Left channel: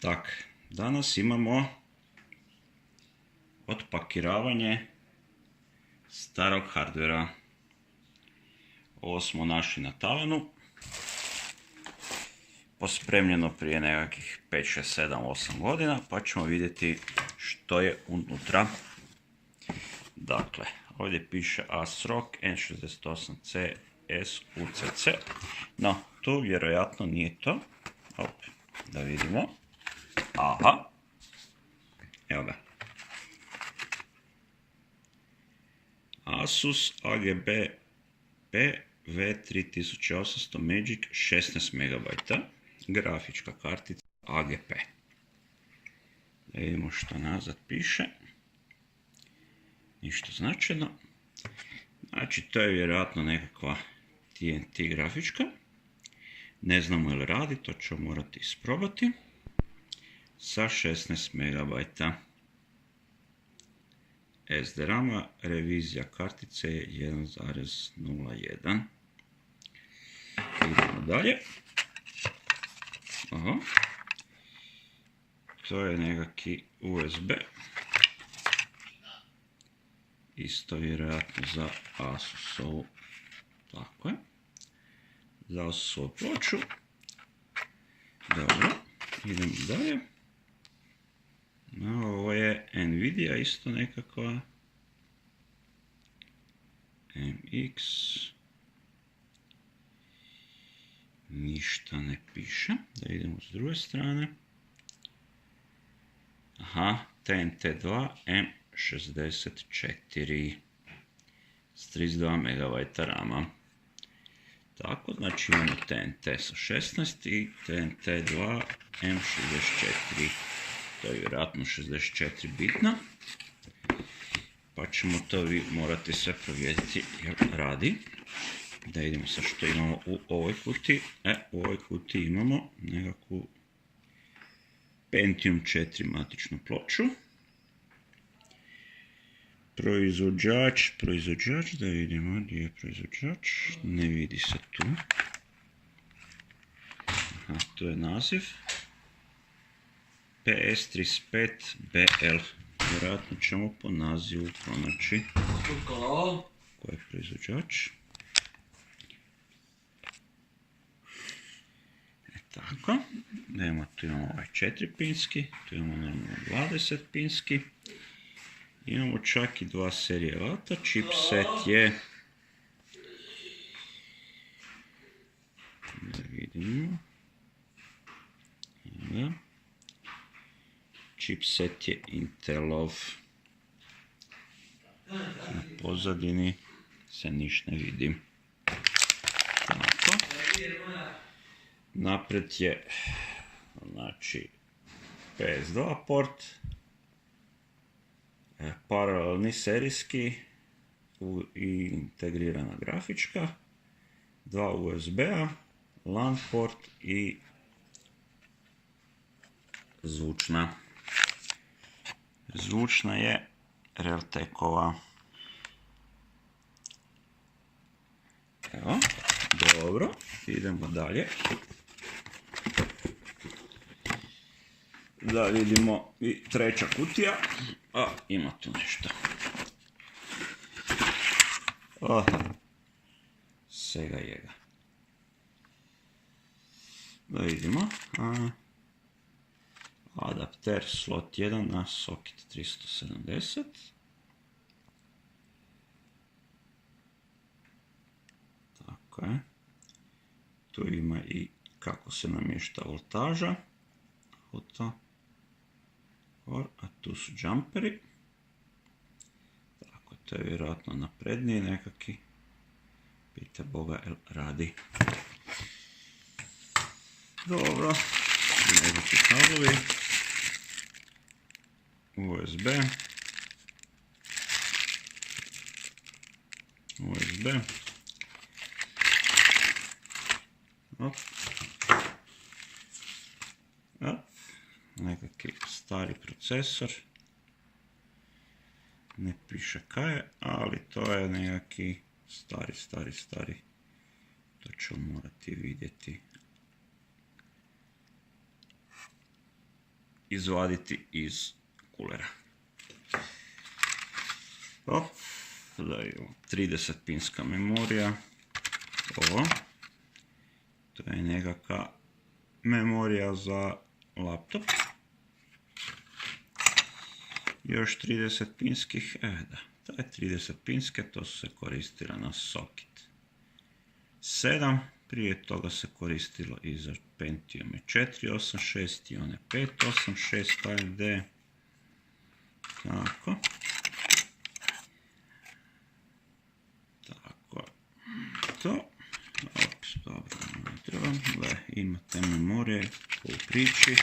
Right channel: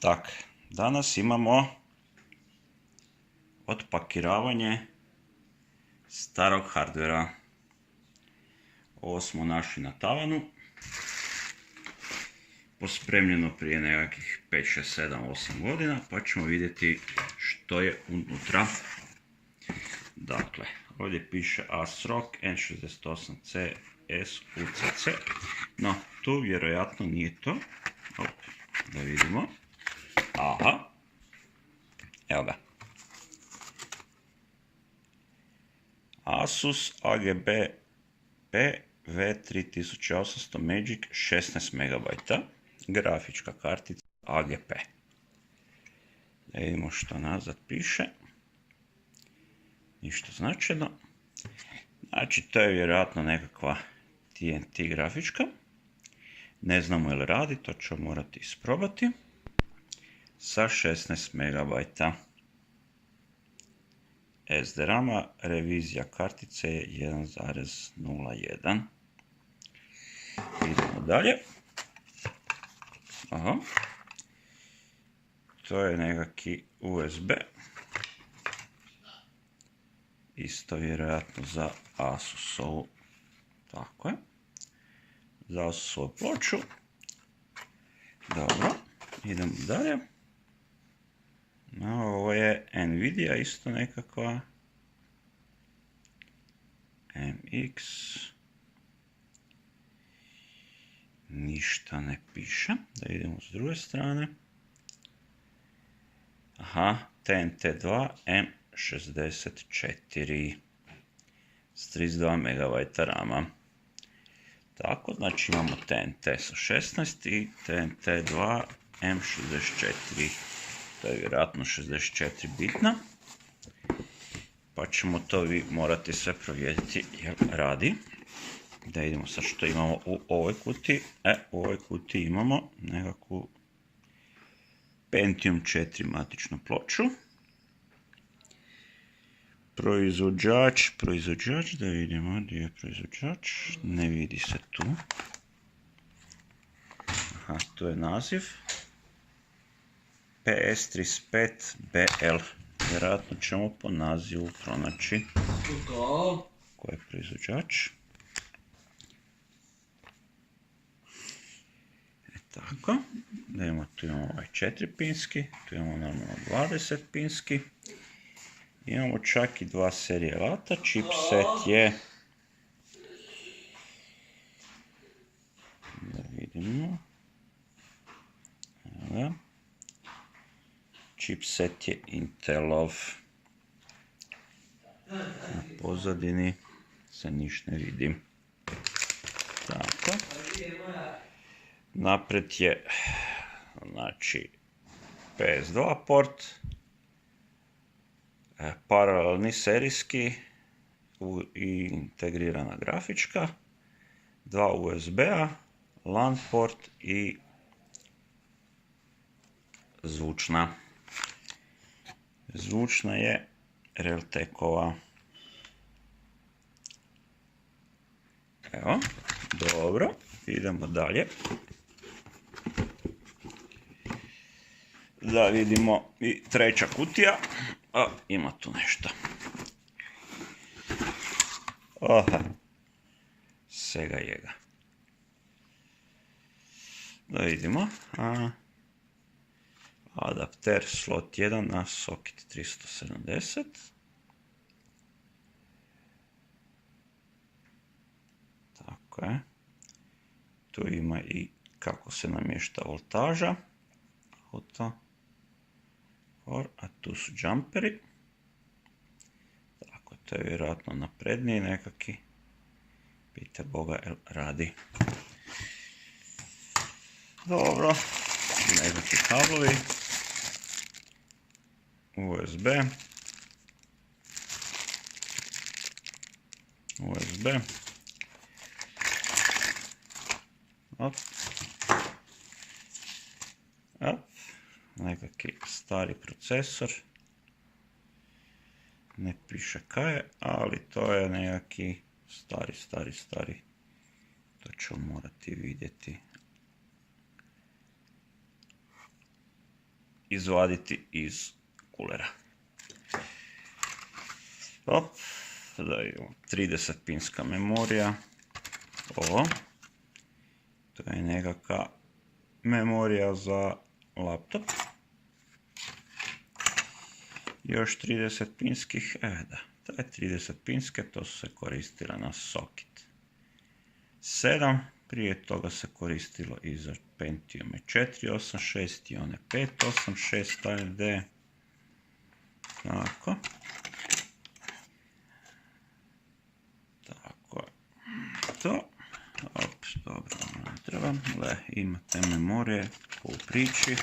Tak, danas imamo otpakiravanje starog hardvera. Ovo smo našli na tavanu, pospremljeno prije nekakvih 5, 6, 7, 8 godina, pa ćemo vidjeti što je unutra. Dakle, ovdje piše ASRock N68C SUCC, no tu vjerojatno nije to. Da vidimo. Aha, evo ga. Asus AGB V3800 Magic 16 MB, grafička kartica AGP. Da vidimo što nazad piše. Ništa značajno. Znači, to je vjerojatno nekakva TNT grafička. Ne znamo je li radi, to ćemo morati isprobati. Sa 16 MB SDRAM-a, revizija kartice je 1.01. Idemo dalje. Aha. To je nekakvi USB. Isto vjerojatno za Asusovu. Tako je. Za Asusovu ploču. Dobro. Idemo dalje. No, ovo je Nvidia isto nekakva. MX. Ništa ne piše. Da vidimo s druge strane. Aha, TNT2 M64 s 32 MB RAM-a. Tako, znači imamo TNT sa 16 i TNT2 M64. To je vjerojatno 64 bitna. Pa ćemo to vi morati sve provjeriti jer radi. Da vidimo sad što imamo u ovoj kutiji. U ovoj kutiji imamo nekakvu Pentium 4 matičnu ploču. Proizvođač, da vidimo gdje je proizvođač. Ne vidi se tu. Aha, to je naziv. PS35BL. Vjerojatno ćemo po nazivu pronaći ko je proizvođač. Tako. Tu imamo ovaj 4-pinski, tu imamo normalno 20-pinski. Imamo čak i 2 serije vata. Chipset je... Da vidimo. Evo. Chipset je Intelov. Na pozadini se ništa ne vidi. Tako. Napred je, znači, PS2 port, paralelni serijski i integrirana grafička, 2 USB-a, LAN port i zvučna. Zvučna je Realtekova. Evo, dobro, idemo dalje. Da vidimo i treća kutija. Ima tu nešto. Aha. Sega jega. Da vidimo. Adapter slot 1 na socket 370. Tako je. Tu ima i kako se namješta voltaža. Auto. A tu su džamperi. Tako, to je vjerojatno napredniji nekaki. Pita Boga, jel radi. Dobro. Nekakvi kablovi. USB. Nekakvi stari procesor. Ne piše kaj je, ali to je nekakvi stari. To ću morati vidjeti. izvaditi iz kulera. Da imamo 30 pinska memorija. Ovo. To je nekakva memorija za laptop. Još 30 pinskih, da, to je 30 pinske, to su se koristile na socket 7, prije toga se koristilo i za Pentium 486 i one 586 AMD, tako, to, dobro, ne trebam, imate memorije u priči,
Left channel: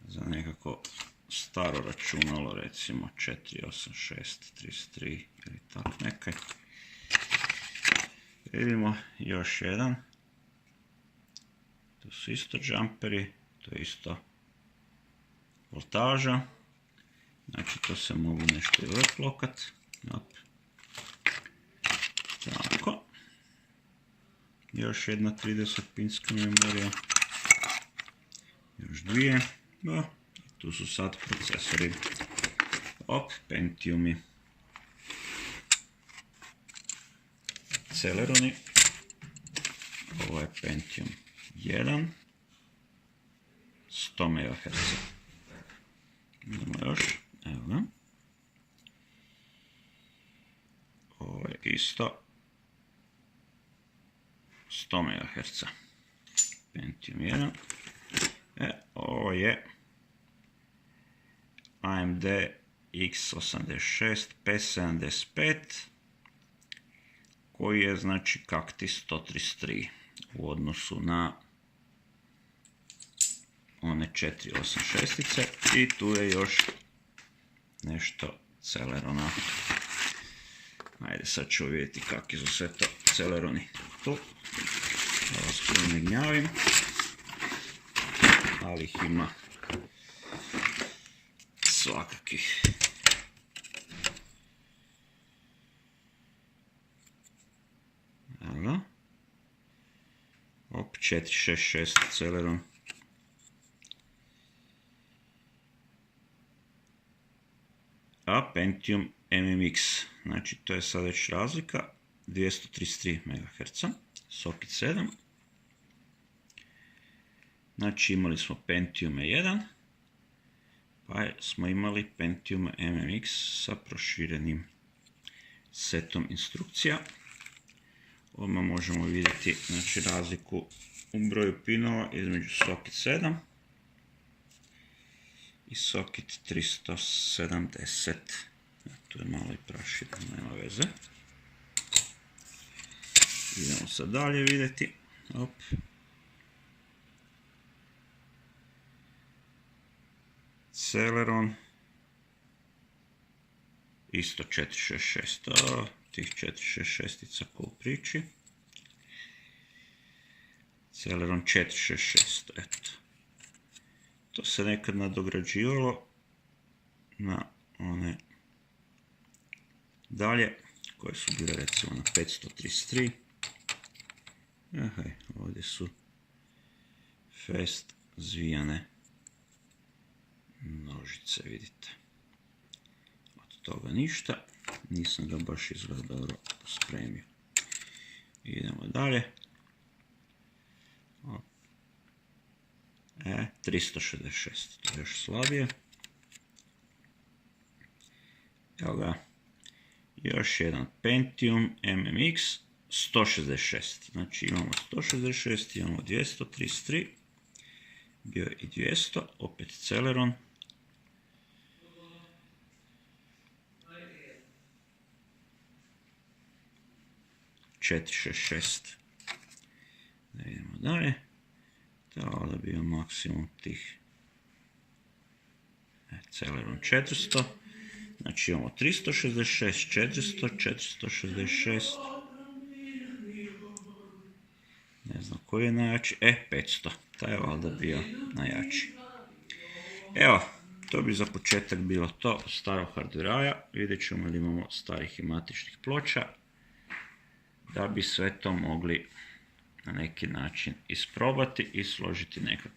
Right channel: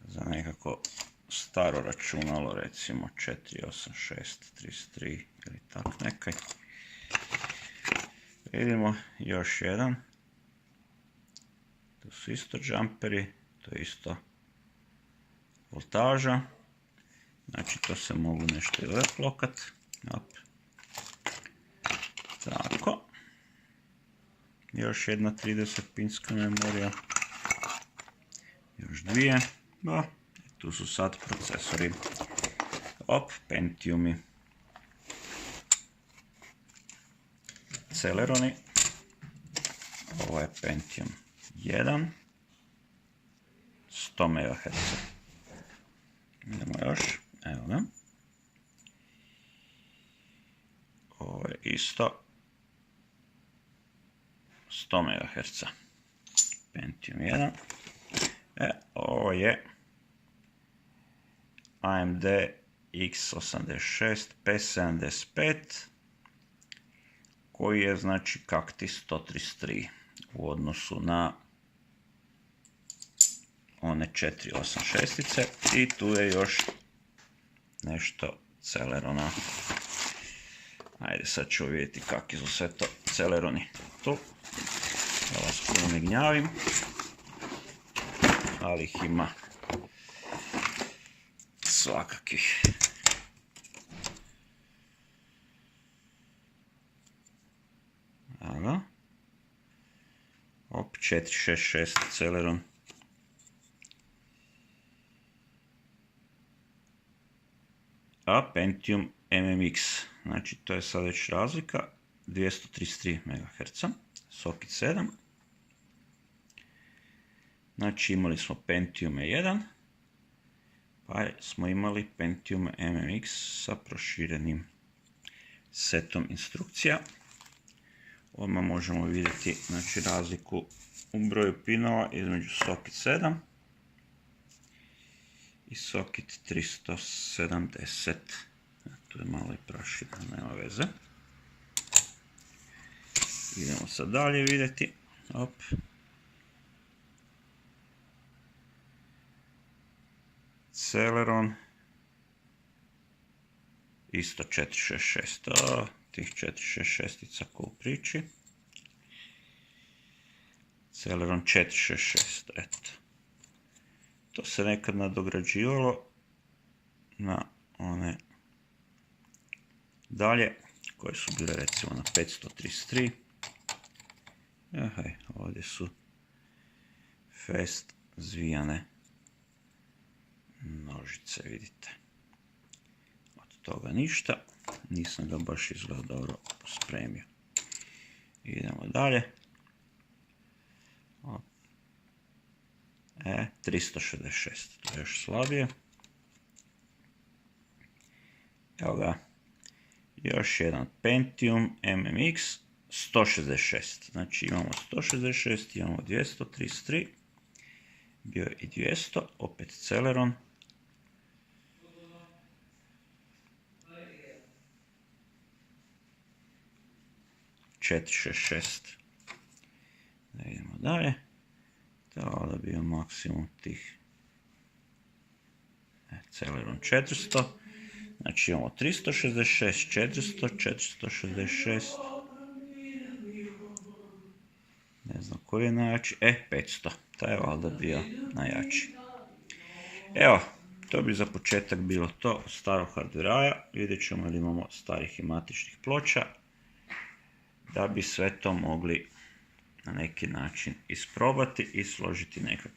za nekako staro računalo, recimo 48633 ili tak nekaj. Vidimo još jedan. To su isto džamperi, to je isto voltaža. Znači to se mogu nešto i leplokat. Tako. Još jedna 30 pinska memorija. Još dvije. Tu su sad procesori. Pentiumi. Celeroni. Ovo je Pentium 1. 100 MHz. Idemo još. Evo ga. Ovo je isto 100 MHz. Pentium 1. Ovo je AMD X86 P75 koji je znači kakti 133 u odnosu na one 486-ice i tu je još nešto Celerona. Ajde sad ću vidjeti kakvi su sve to Celeroni. Tu, da vas puno ne gnjavim, ali ih ima svakakih. Evo. 466 Celeron. A Pentium MMX, znači to je sad već razlika, 233 MHz, socket 7. Znači imali smo Pentium 1, pa smo imali Pentium MMX sa proširenim setom instrukcija. Odmah možemo vidjeti znači, razliku u broju pinova između socket 7 i socket 370. Tu je malo i proširen, nema veze. Idemo sad dalje vidjeti. Celeron. Isto 466. Tih 466-ica ko u priči. Celeron 466. Eto. To se nekad nadograđivalo na one dalje, koje su bile recimo na 533. Ovdje su fast zvijane nožice, vidite. Od toga ništa. Nisam ga baš izgleda dobro pospremio. Idemo dalje. 366, to je još slabije. Evo ga. Još jedan Pentium MMX 166. Znači imamo 166, imamo 233. Bio je i 200, opet Celeron. Da idemo dalje. Trebalo da bio maksimum tih Celeron 400. Znači imamo 366, 400, 466. Ne znam koji je najjači. 500. Taj je valjda bio najjači. Evo, to bi za početak bilo to starog hardwarea. Vidjet ćemo ili imamo starih i matičnih ploča. Da bi sve to mogli na neki način isprobati i složiti nekakve